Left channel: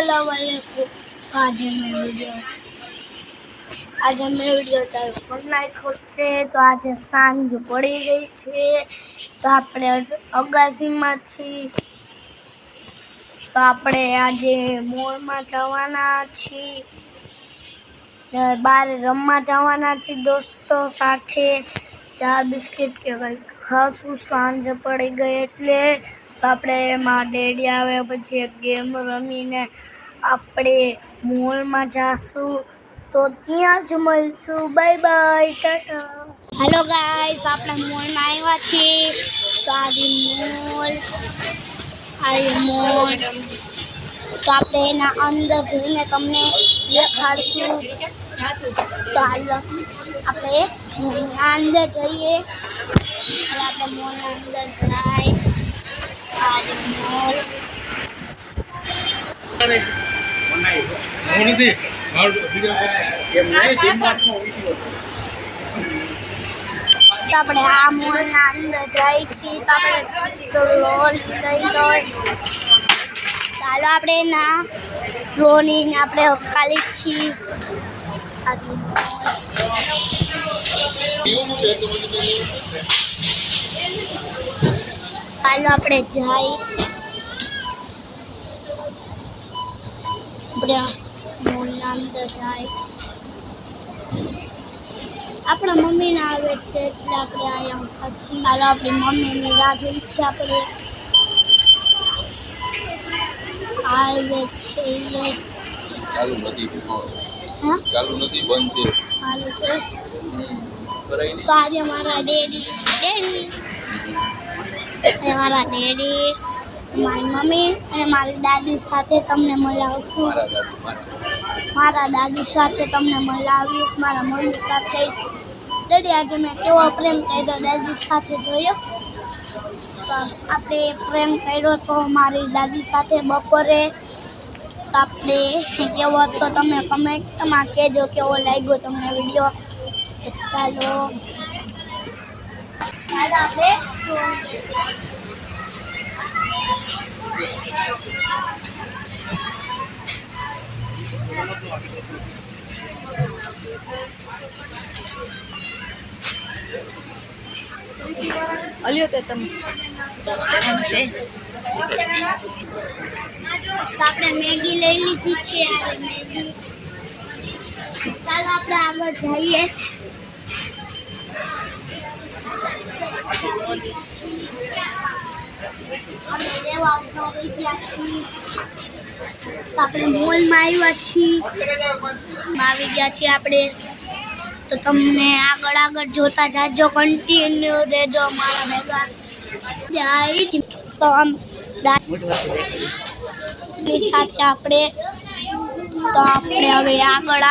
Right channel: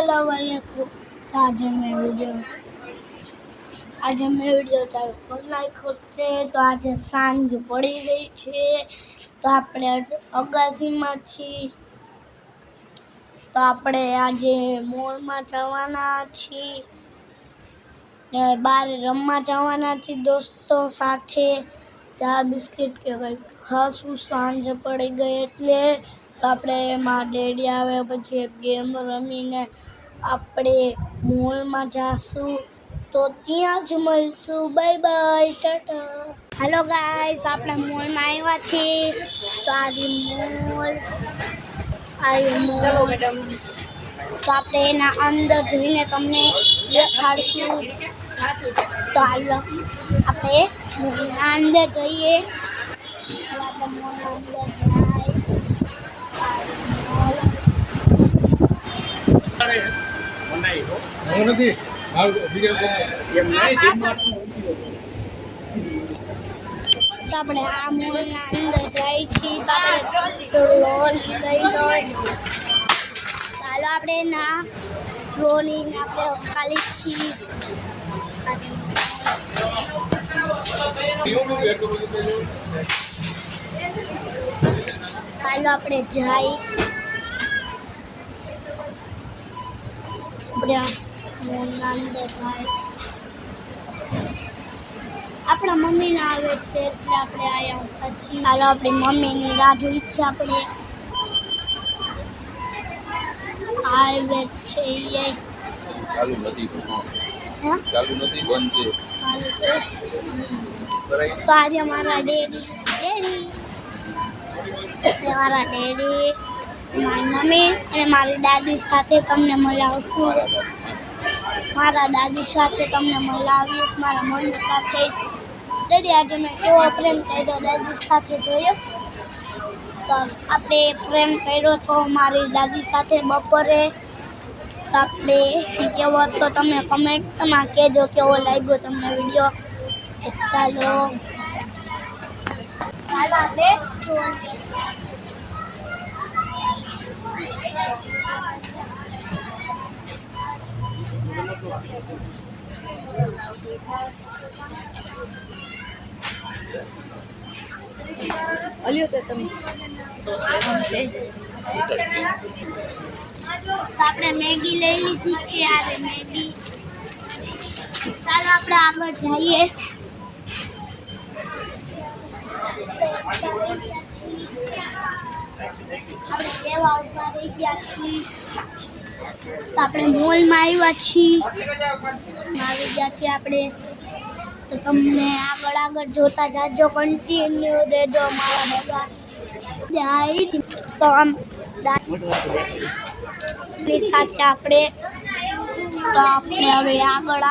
अस्सलाम वालेकुम। आज मैं वीडियो चालू कर नाख्यो छे। तो आज सांज पड़ी गई छे, तो આપણે અગાસીમાં છીએ। તો આપણે આજે મોલમાં જવાના છીએ, બહાર રમવા જવાના છીએ દોસ્તો સાથે। ચા બિસ્કિટ કે કંઈક ખાસું સાંજ પડી ગઈ એટલે તો આપણે એમાં ડેડી આવે પછી એક ગેમ રમીને આપણે મોલમાં જાશું। તો ત્યાં જ મળશું। Bye bye, Tata. Hello guys, આપણે મોલમાં આવ્યા છીએ। તો આ મોલ તો આપણે એના અંદર જઈને તમને દેખાડશું। તો હાલો આપણે મોલના અંદર જઈએ। આપણે મોલના અંદર જાય આ મોલ તો આપણે આ મોલના અંદર જાય છીએ। તો આપણે ટ્રોલી લઈ લો। ચાલો આપણે એના ટ્રોલીને આપણે ખાલી છીએ। ચાલો આપણે જાય મોલના અંદર જાય। આપણા મમ્મી ના આવે છે એટલે આપણે આયા પછી ચાલો આપણી મમ્મીની રાહ જોઈ છે આપણે। આવે છે એ ચાલુ નથી, ચાલુ નથી, બંધ છે। ચાલુ છે તો આજે મારા ડેડી મારી મમ્મી અને મારી દાદી સાથે તમને મળાવશું। મારા દાદી સાથે તમને મળાવીશ, મારા મમ્મી સાથે। ડેડી આજે મેં કેવો પ્રેમ કર્યો દાદી સાથે જોયો। તો આપણે પ્રેમ કર્યો તો મારી દાદી સાથે બપોરે। તો આપણે કેવો હતો તમે કમેન્ટમાં કહેજો, કેવો લાગ્યો તમને વિડીયો। ચાલો આપણે અલ્યો તે તમે આપણે મેગી લઈ લીધી છે। આ મેગી ચાલો આપણે આગળ જઈએ। આપણે લેવા ઉભા રહી ગયા છીએ। તો આપણે મોલમાં આવ્યા છીએ, આવી ગયા છીએ આપણે। તો તમને આગળ જોતા જાજો, કન્ટિન્યુ રહેજો મારા ભેગા। તો આમ સાથે આપણે હવે આગળ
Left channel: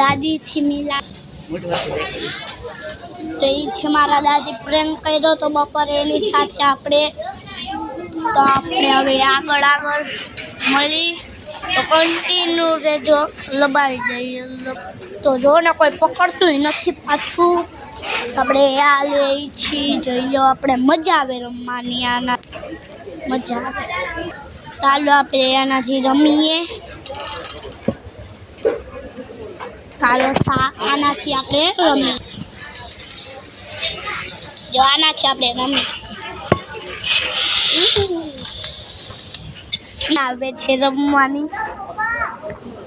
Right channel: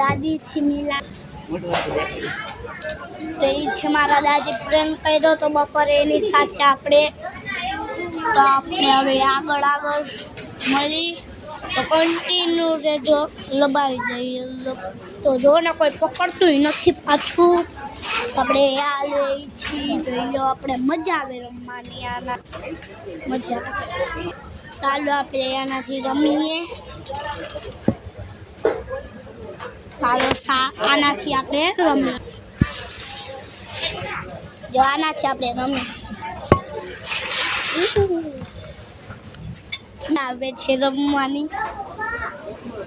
દાદીથી મિલા તો એ છે મારા દાદી પ્રેમ કર્યો તો બપોરે એની સાથે આપણે। તો આપણે હવે આગળ મળી તો કન્ટિન્યુ રહેજો, લબાવી દઈએ। તો જો ને કોઈ પકડતું નથી પાછું। આપણે આ લઈ છીએ, જોઈ લો આપણે મજા આવે રમવાની, આના મજા આવે। ચાલો આપણે આનાથી રમીએ। ચાલો આનાથી આપણે રમીએ, જો આનાથી આપણે રમીએ આવે છે રમવાની।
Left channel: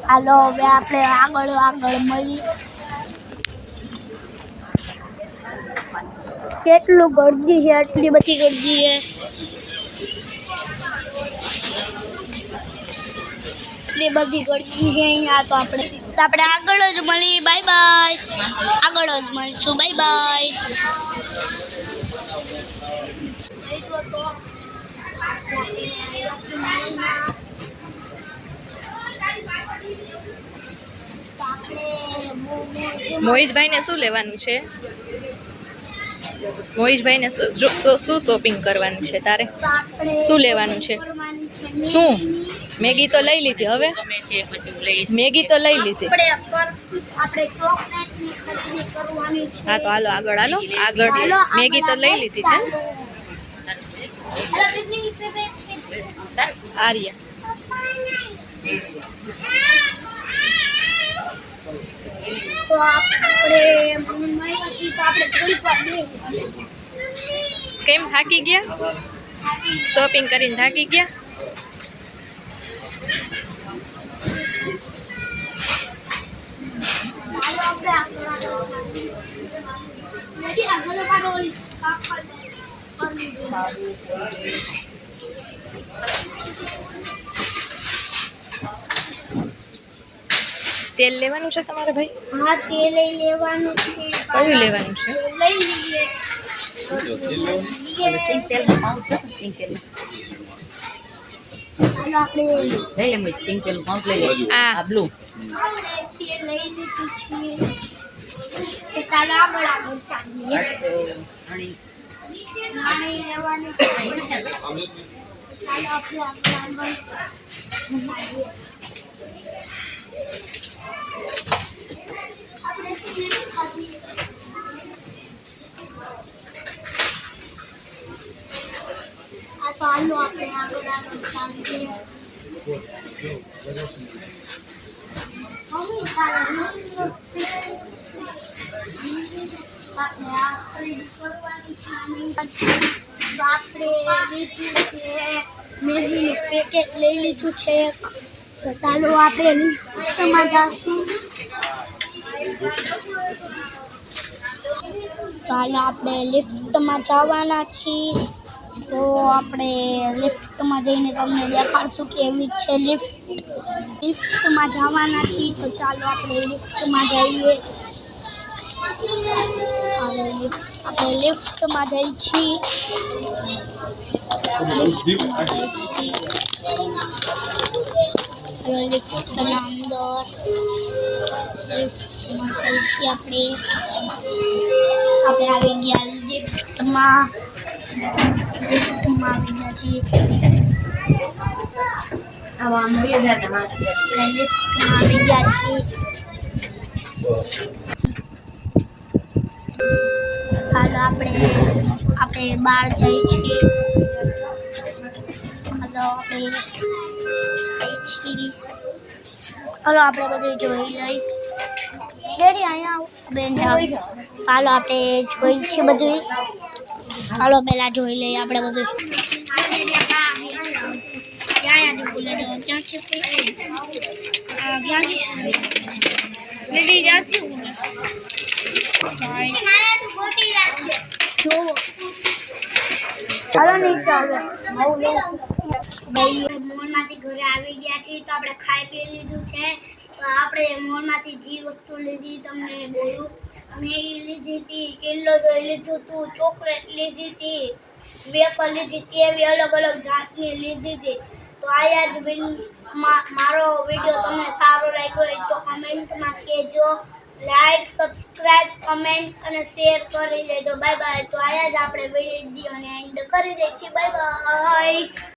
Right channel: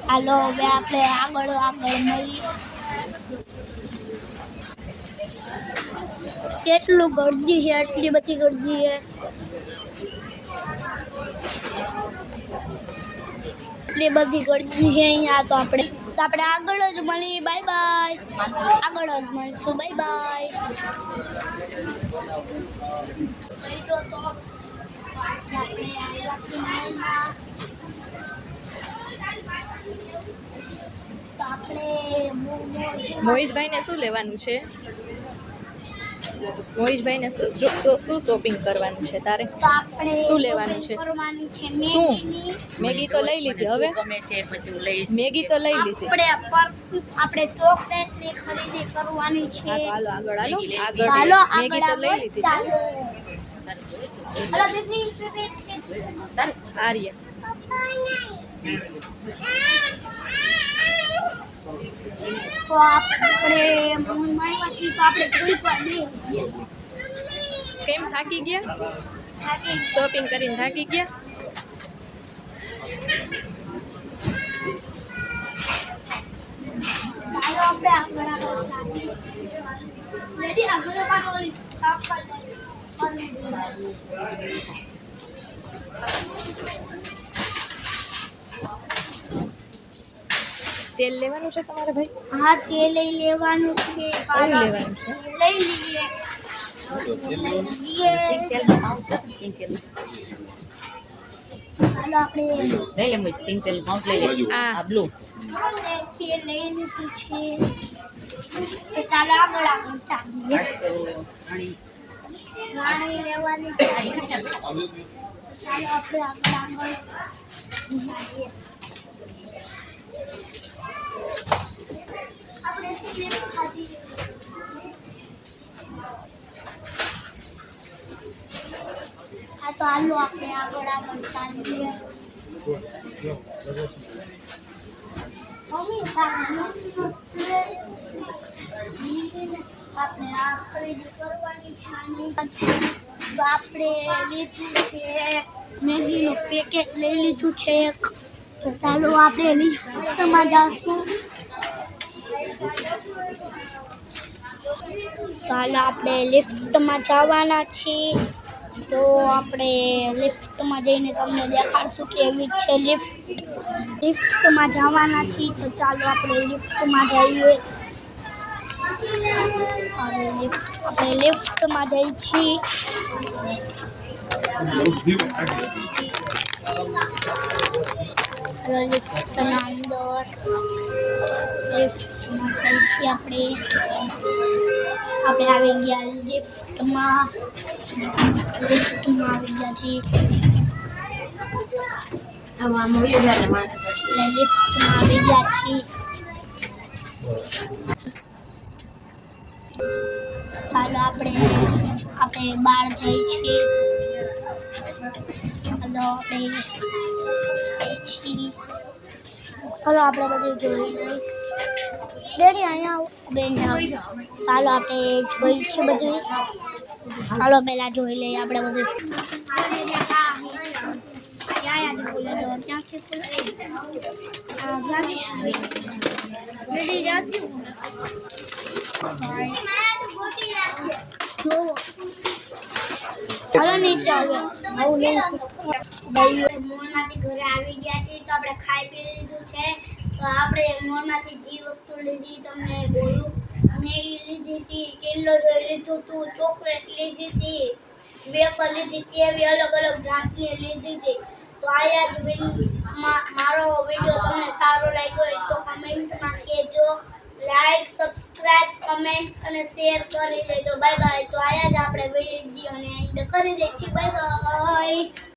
હાલો હવે આપણે આગળ મળી। કેટલું ગળદી છે, આટલી બધી ગળદી છે, એટલી બધી ગળદી છે અહીંયા। તો આપણે આગળ જ મળી। બાય બાય, આગળ જ મળીશું। Bye bye. મોહિશભાઈને શું લેવાનું છે? મોહિશભાઈને શું શોપિંગ કરવાનું છે તારે? શું લેવાનું છે? શું? મેગી તો લઈ લીધી, હવે મેગી તો લઈ લીધી। આપણે ચોકલેટની ખરીદી કરવાની છે। હા તો હાલો આગળ મેગી તો લઈ લીધી છે। આર્યા તો આપણે મોલમાં છીએ તો આપણે થોડીક વાર બે કેમ થાકી ગયા? શોપિંગ કરીને થાકી ગયા? ચાલો આપણે આગળ લેડી આગળ કાઢો ઓલી કાપ તેલ લેવાનું છે તમારે ભાઈ? હા તેલ લેવાનું છે. કયું લેવાનું છે? લઈ લઈએ. ચાલો આપણે આ તેલ લઈ લીધું છે. તો ચાલો આગળ ચાલીએ. રાણી લેવાની છે. ચાલો આપણે આગળ ચાલીએ. આપણે સ્વીટ ખાધી. આ તો હાલો આપણે આગળ ચાલીએ. મમ્મી તારા આપણે આ ખરીદી કરવાની છે. તો આપણે લીધું છે મેગીનું પેકેટ લઈ લીધું છે. તો ચાલો આપણે લિફ્ટમાં જઈશું. ચાલો આપણે લિફ્ટમાં જવાના છીએ. તો આપણે લિફ્ટમાં જઈને તમને દેખાડશું કે એવી છે લિફ્ટમાં જવાના છીએ. તો ચાલો આપણે લિફ્ટમાં જઈએ. આપણે લિફ્ટમાં જઈએ છીએ. લિફ્ટના અંદર લિફ્ટમાં જઈએ છીએ. આપણે આવી ગયા લિફ્ટમાં આવી ગયા છીએ. લિફ્ટમાં આવી ગયા છીએ. ચાલો આપણે બહાર જઈએ છીએ. ચાલો આપણે બધું જોઈ લઈ. ડેડી અહીંયા આવો બેન જાઓ. ચાલો આપણે જોઈ છીએ બધું. ચાલો પહેલાં જોઈ લઈએ આપણે બધું. ચાલો નીચે હવે મોલમાંથી ઘરે આવી ગયા છીએ. તો આપણે ખાઈ પી લીધું છે. તો આપણે મોલમાંથી જે વસ્તુ લીધી તમને બોલું. મેગી લીધી હતી, કિંડર જોઈ લીધું હતું, ચોકલેટ લીધી હતી, વેફર લીધી હતી, એવી અલગ અલગ જાતની લીધી હતી. તો આયા જ મારો વિડીયો તમને સારો લાગ્યો હોય તો કમેન્ટમાં કહેજો. લાઈક, સબસ્ક્રાઇબ, કમેન્ટ અને શેર કરી દેજો. Bye bye. તો આયા જ આપણે વિડીયોને એન્ડ કરી દઈએ છીએ. Bye bye.